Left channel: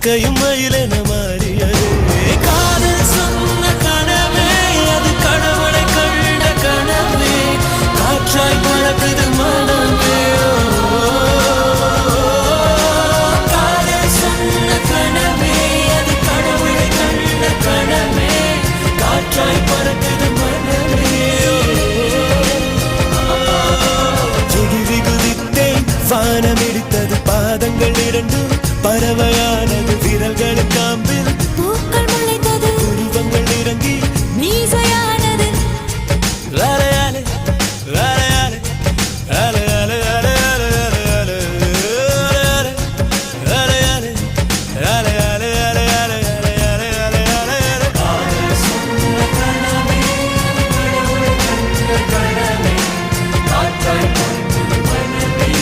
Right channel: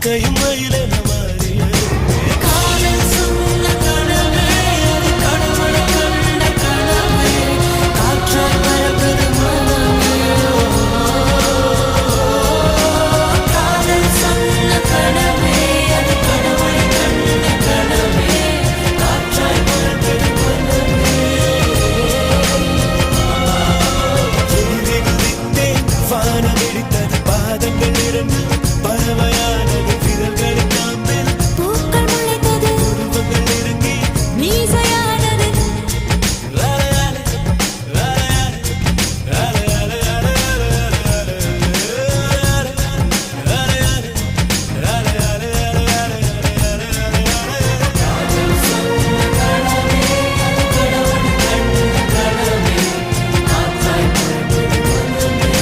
கையும் மயிலென மாறியதே காதல் சொன்ன கனவே அது கடவுளை கண்ட கனவே காற்றாய்